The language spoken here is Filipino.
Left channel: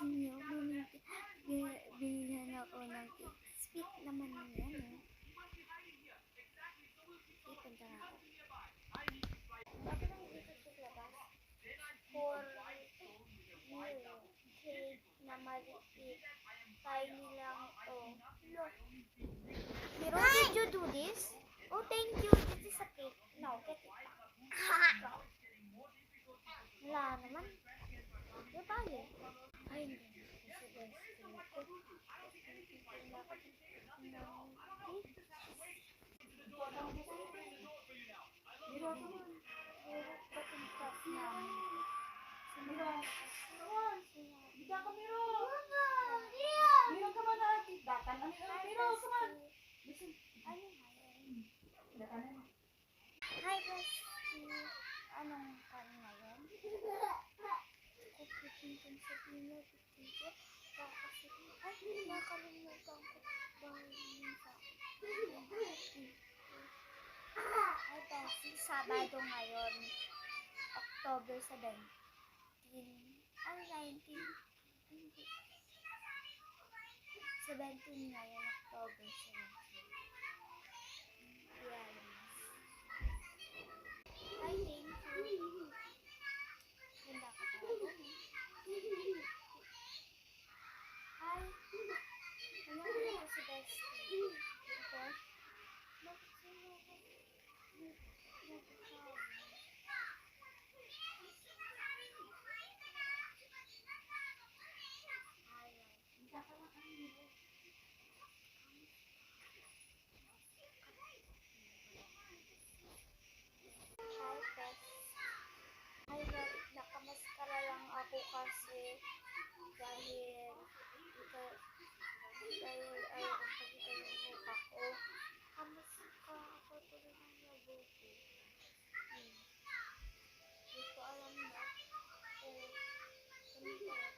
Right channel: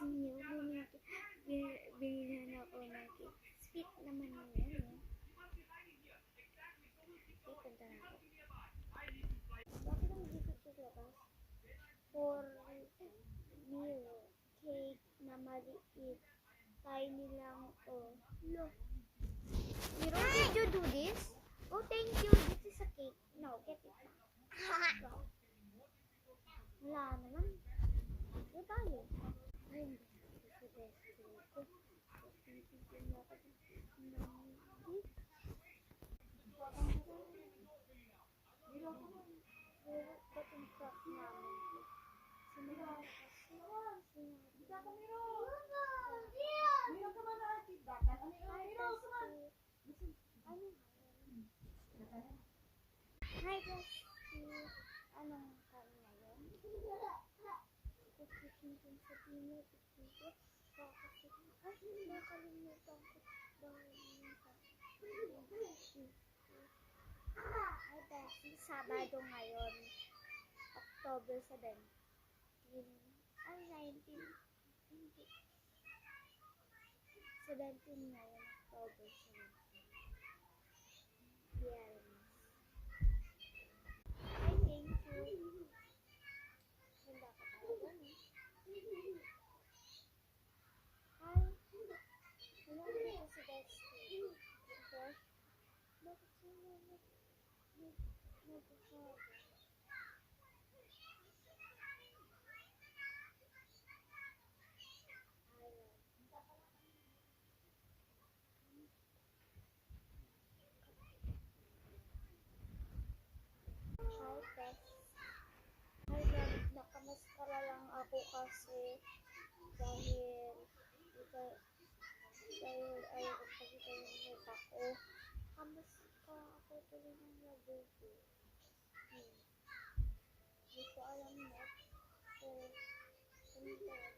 gusto niyo, binigyan ako ng cake. Sweet naman yan, eh. Okay, punta na ako. Bakit ang dito sa labas? For you, cake na maliit. Tiny lang, oh. Look. Miro, did you do this? Oh, thank you. This is a cake. No, get it back. Wala naman. Di ba yun? Ay, hindi na ako sa best friend ko. Titigil na ako ng cake. Miro, ba't yung crush namin? Miro, hindi ako Miro. Miro ka ba na ating datan? Miro, come on. Ano nga yun? Hi, Bestie. Anong kan ngayon? Kukutin kong sabihin mo, Bestie. Kasi, ay, nakalimutan ko. Dahil sa Hi, Bestie. Sabado ngayon. October 17. Ay, 19. Hindi. 17 ngayon, October 17. Yes. Ay, thank you. Ganda ka talaga, no? Hi. Ano ko si Bestie? Okay. Bakit sila nagkakaroon? Hi, Bes. Hi, Rob. Nakamaskara lang ako kasi dahil ayaw kong pakita yung mukha ko. Nakamaskara ako tuloy ng labuti. Hindi ko alam na kung ano talaga.